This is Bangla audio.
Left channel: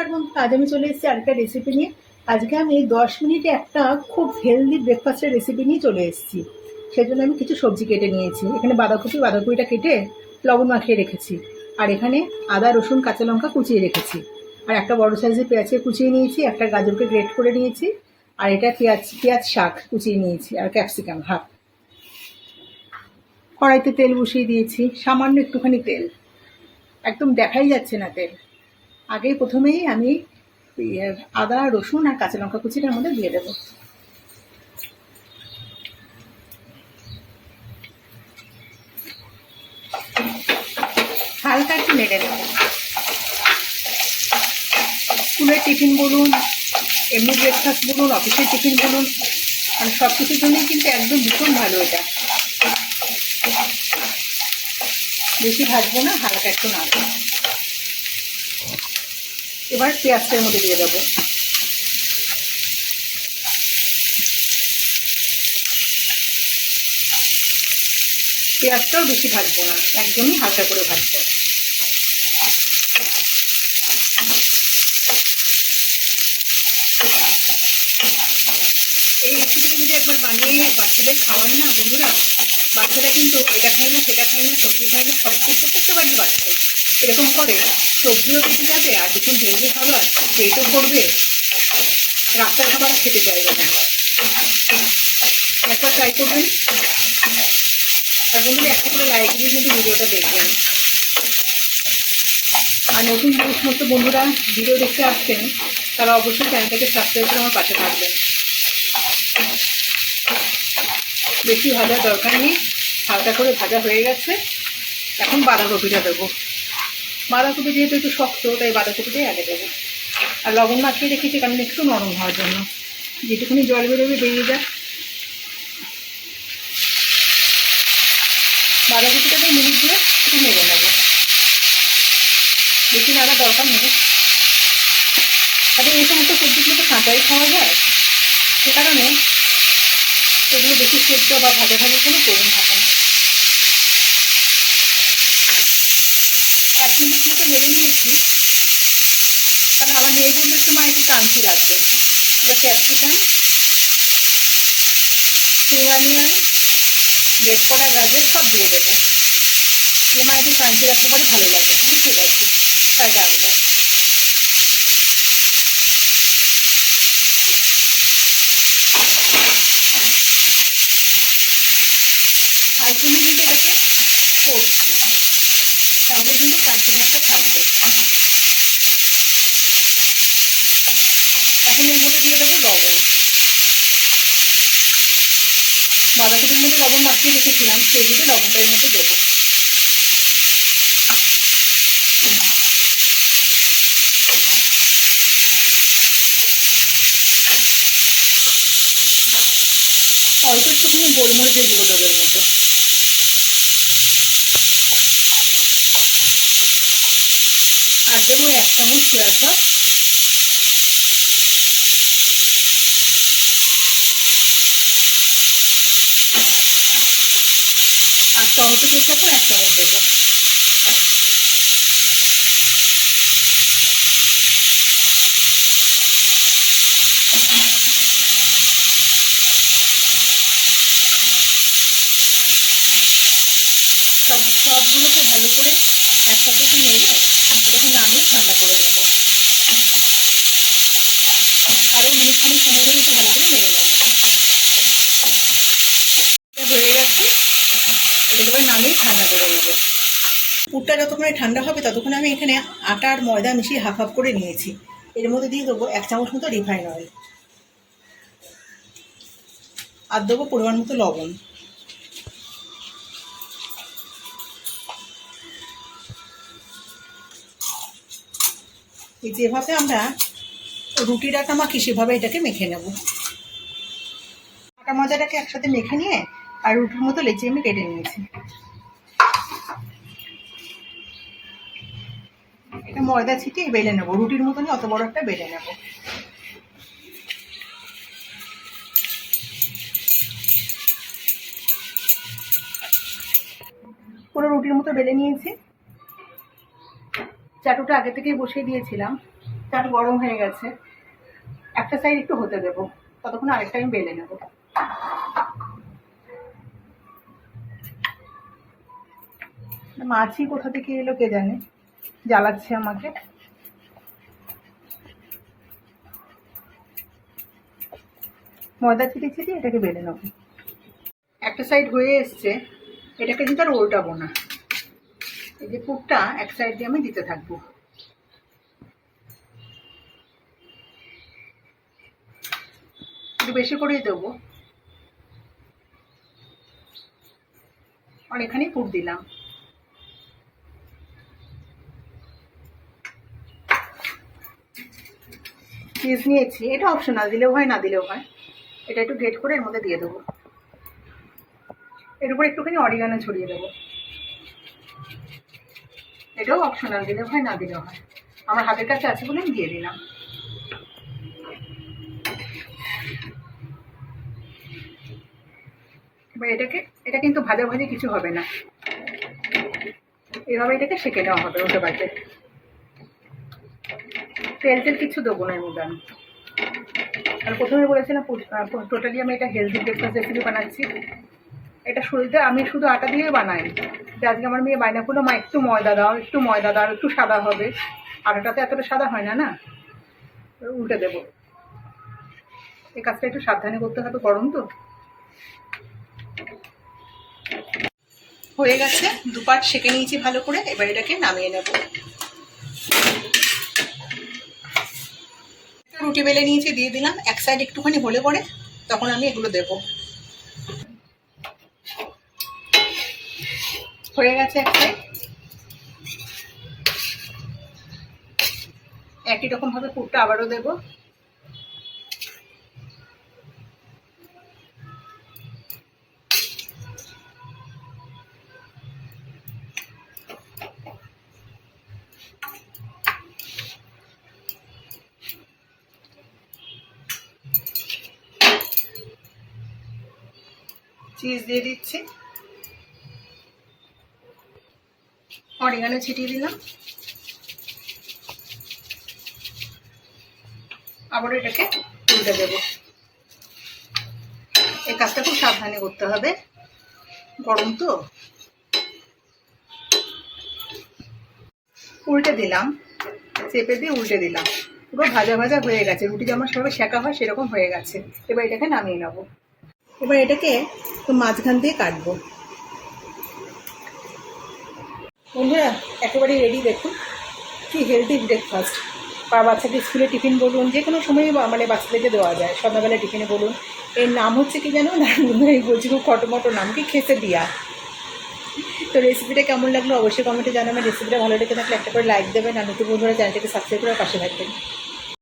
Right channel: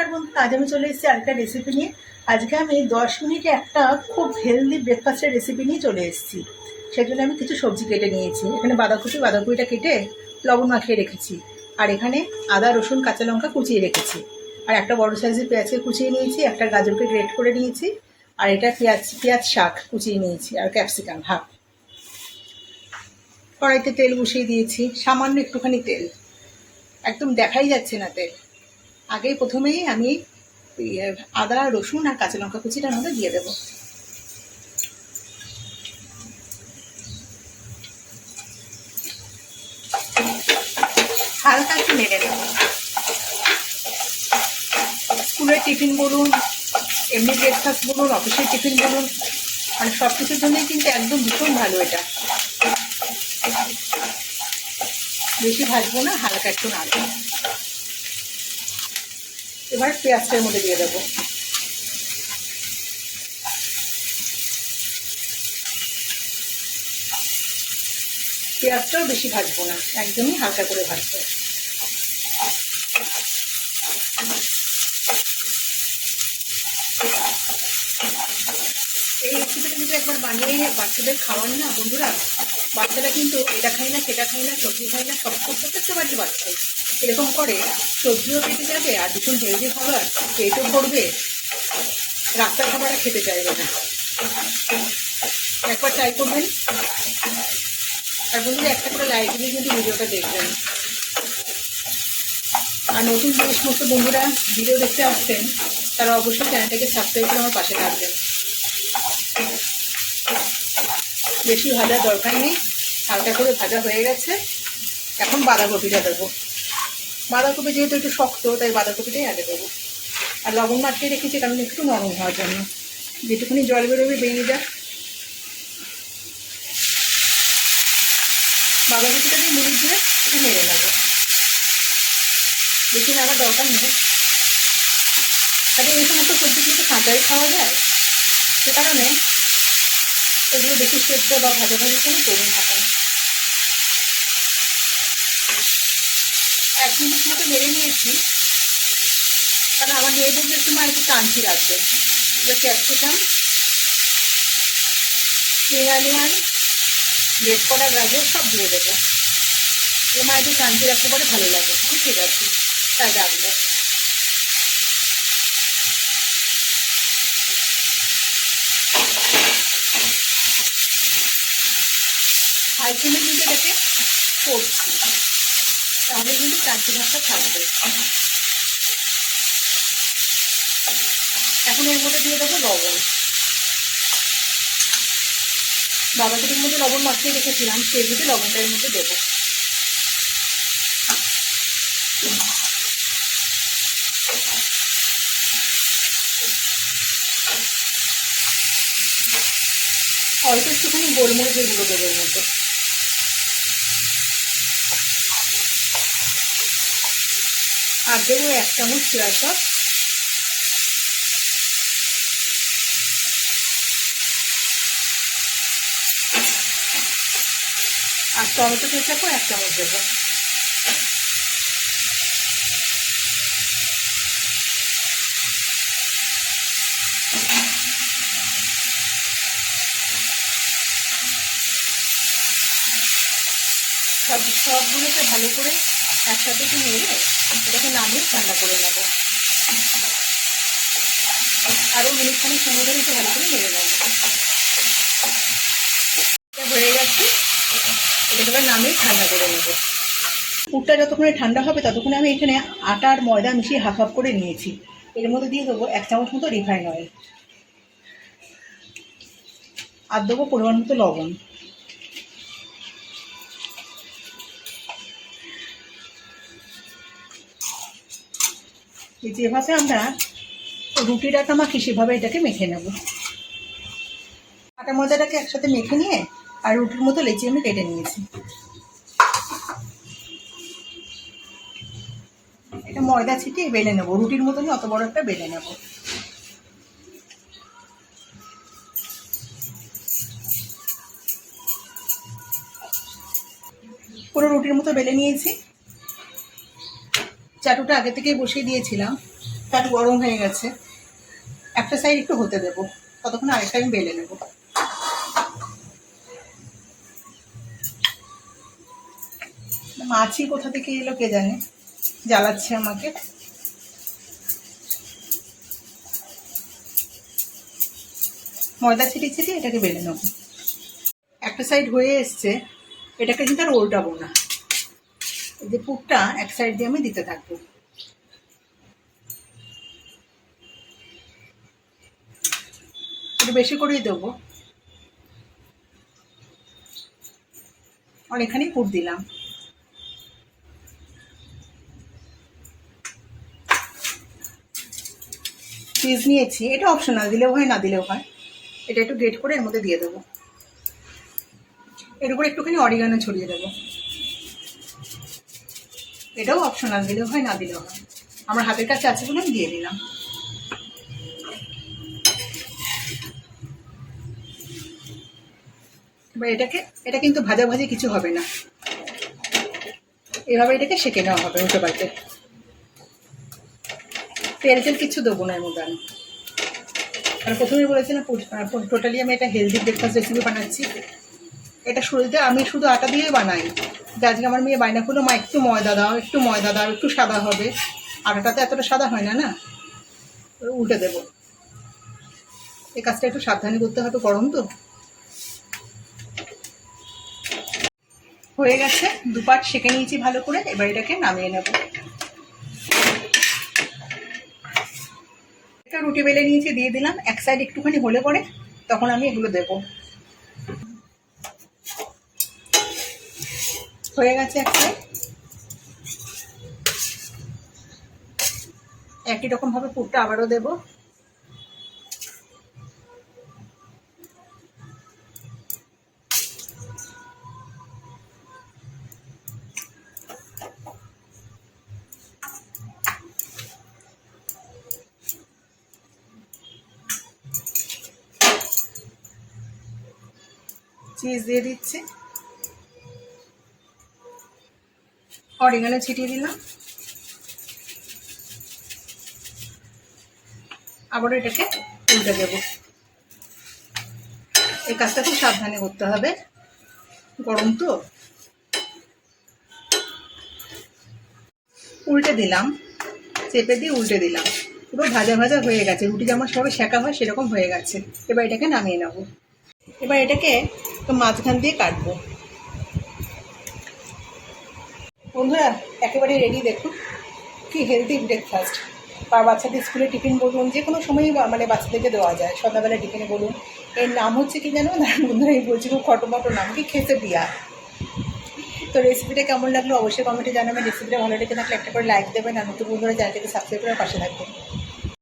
নমস্কার বন্ধু, আজ আমি চলে এসেছি আরেকটা রেসিপি নিয়ে। আজকে আমি দশ মিনিটে একটা খুব হেলদি ব্রেকফাস্টের রেসিপি নিয়ে চলে এসেছি। সেই জন্য আমি কিছু সবজি কেটে নিয়েছি। এখানে বাঁধাকপি, বাঁধাকপিটা কেটে লবণ মাখিয়ে রেখেছি। আর এখানে আদা, রসুন, কাঁচা লঙ্কা কুচিয়ে রেখেছি। আর একটা বড় সাইজের পেঁয়াজকে কুচিয়ে নিয়েছি, একটা গাজরকে গ্রেট করে নিয়েছি, আর এটা পেঁয়াজ পেঁয়াজ শাক কুচিয়ে নিয়েছি, আর ক্যাপসিকাম হাফ কড়াইতে তেল বসিয়ে দিয়েছি, সামান্য একটুখানি তেল। একদম দেখাই যাচ্ছে না তেল। আগেই প্রথমেই আমি আদা, রসুন আর কাঁচা লঙ্কা কুচিটার মধ্যে দিয়ে দেবো। হালকা একটু নেড়ে নেব। স্কুলের টিফিন বলুন, এমনি ব্রেকফাস্ট বলুন অফিসের টিফিন বলুন মানে সব কিছুর জন্যই কিন্তু একদম ভীষণ ভালো এটা। বেশি ভাজবো না, হালকা একটু নাড়বো। এবার পেঁয়াজটার মধ্যে দিয়ে দেবো। পেঁয়াজটাও বেশি ভাজবো না, একদমই হালকা করে ভাজবো। এই রেসিপিটা যদি একবার বানিয়ে বাচ্চাদের খাওয়ান না, বন্ধুরা, বাচ্চারা কিন্তু এটা খায় না, সেটা খায় না, সবজি খায় না, সব কিছু প্রত্যেকটা বাড়ির বাচ্চাই এরকম করে সবজিও পেটে যাবে আর দেখুন হেলদি খাবার পেটও ভরবে, রাস্তার খাবার খেতে চাইবে না। একবার ট্রাই করবেন। আর বন্ধুরা, একটা করে লাইক দিয়ে কিন্তু ভিডিওটা দেখবেন। আর নতুন যে সমস্ত বন্ধুরা ভিডিও দেখতে আসছেন, তারা অবশ্যই চ্যানেলটাকে সাবস্ক্রাইব করে আমার পাশে থাকবেন। বেশি ভাজার দরকার নেই, হালকা করে ভাজা হয়ে গেছে। এখন বাঁধাকপিটা দেবো। বাঁধাকপি যেহেতু একটু শক্ত, তাই বাঁধাকপিটাই আগে দেবো। আর লবণ মাখিয়ে রেখেছি, কারণ একটু নরম হওয়ার জন্য। যেটুকুনি জল বেরোবে বেরিয়ে যায় বাঁধাকপিটা দিয়ে মিনিট দিয়ে একটু নেড়ে নেব। বেশি নাড়া দরকার নেই। তাহলে এই সমস্ত সবজিগুলো তো কাঁচাই খাওয়া যায়। সে কারণে এগুলো বেশি সেদ্ধ বা ভাজা কোনো প্রয়োজন থাকে না এক মিনিট মতো নেড়ে নিয়েছি। কারণ আমার নেড়ে বলতে সময় একটু কাঞ্চি লাগবে। এটা ক্যাপসিকাম স্প্রিং অনিয়ন রেড করা গাজর সব দিয়ে দেবো। এমা একটু কাঞ্চি রাখতে পারে, ভালো লাগে। হ্যাঁ ঠিক আছে। তাই রাখব হাই ফ্লেমে কিন্তু কিন্তু কাঞ্চি থাকবে এখন এর মধ্যে দিয়ে দেবো লবণ। বাঁধাকপির মধ্যে লবণ মাখিয়ে রেখেছিলাম সেগুলো লবণটার মধ্যে দেবো। অল্প একটুখানি গোলমরিচের গুঁড়ো দেবো এর মধ্যে। আর দেবো, এক চামচ পেঁয়াজ সস আর টমেটো কেচাপও এক চামচ দেবো। সব সবগুলোকে ভালো করে একসাথে একটু নেড়ে এটাকে নামিয়ে ঠান্ডা করে নেব। আরও মিনিটখানি সময় ধরে একটু ভালো করে নেড়ে নেব। এটা হয়ে গেছে। এবার নামিয়ে ঠান্ডা করে নেব। পুরটা যতক্ষণে ঠান্ডা হবে ততক্ষণে আমি এখানে আটা আর ময়দা মিশিয়ে হাফ হাফ করে নিয়েছি। এর মধ্যে দিয়ে দেবো এক চামচ মতো রিফাইন অয়েল। আর দেবো পরিমাণ মতো লবণ। এই যেভাবে আমরা রুটির আটা মাখি সেভাবে এটাকে মেখে নেব। আটা মজাটাকে একসাথে মেখে নিয়ে আর রুটির মতো লেচি আমি কেটে নিয়েছি। এটা ময়দা ছিটিয়ে বেলে নেব। রুটির মতনই অত বড় একটা বেলে নেব। পুরো রুটির মতো বেলে নিয়েছি। চাটুটা আগে থেকেই বসিয়ে দিয়েছিলাম। প্যান গরম হয়ে গেছে। একটা সাইড একটু হতে দেবো। ততক্ষণ আরেকটা আমি বেলে নেব। মাছি কোথা থেকে এলো কে জানে? জ্বালাচ্ছে আমাকে। ময়দা ছিটিয়ে ছিটিয়ে এটাকে বেলে নেব। একটা সাইড হয়ে এসছে। এটাকে কিন্তু আর উল্টাবো না। এই যে পুরটা এক সাইড দিয়ে আমি দিতে থাকব। একটু বেশি করেই দেবো। অনেকখানি পুর দিলাম। চিজ নিয়েছি। এটা অপশনাল দিলেও হয়, না দিলেও হয়। এটা একটু গ্রেট করে এর মধ্যে দিয়ে দেবো। এর উপরে একটুখানি অরিগানো ছড়িয়ে দেবো। এটাও অপশনাল দিলেও হয়, না দিলেও হয়। আমার হাতের কাছে আছে বলে আমি দিয়ে দিলাম। এবার এটাকে, এটা কিন্তু ভাজাভাজি কিছু হবে না। এভাবে এটাকে সেঁকে নেওয়া হবে উল্টো পাল্টে। তেল তেল কিছু দেবো না এর মধ্যে আমি। আর প্রথমে বলেছিলাম টোটালি আমি এটা হেলদি ব্রেকফাস্ট রেসিপি বানাচ্ছি। এটা শুরুতে আমি শুধু আটা দিয়ে বানাই। যে আজকে আমার মেয়ে বায়না করল, মা, একটু ময়দা দাও, একটু ময়দা দাও, একটু সাদা হবে। আটাটাতে এতটা সাদা হয় না না? উল্টে দেবো। এই কাজটা একটু সাবধানে করতে হবে, গরম তো। হয়ে গেছে, দুপাট সেঁকে নিয়েছি ভালো করে, এবার এটাকে নামিয়ে নেব। একটা রুটি বেলে নিয়েছি, দিয়ে দিলাম, এক সাইড একটুখানি হলে পরে তখন আমি এগুলো দেব। হয়ে গেছে এক সাইড একই রকমভাবে পুরটা আবারও দেবো। চিজ দিয়ে দিচ্ছি। অরিগানো ছিটিয়ে দিলাম। আবার এটাকে উল্টে দেবো। এই কাজটা খুব সাবধানে করতে হবে। গরম তো। উল্টে দিলাম। চেপে দিয়ে উল্টে দিলাম। পুরো ভাজা ভাজা হয়ে গেছে। রুটি যেমন সবাই শেখা হয়, সেরকম হয়ে গেছে। এবার এটাকে নামিয়ে নেব। এবার এটাকে মাঝখান দিয়ে কাটবো। বন্ধুরা, একেবারেই রেডি দেখুন। কি হেলদি ব্রেকফাস্ট আর বাচ্চাদের স্কুলে টিফিন বলুন, যে কোনো সময় মানে বাচ্চাদেরকে দেওয়া যায়। সন্ধ্যাবেলা টিফিনে বলুন। এর নাম হচ্ছে কি জানো? বন্ধুরা, এই বলছি খুব খটোমটো নাম। কি খেতে দিয়া। তো রেসিপিটা কেমন লাগল অবশ্যই কমেন্টে জানাবেন। রেসিপিটা ভালো লেগে থাকলে একটা করে লাইক দেবেন। আর নতুন বন্ধুরা, চ্যানেলটাকে সাবস্ক্রাইব করে পাশে থাকবেন।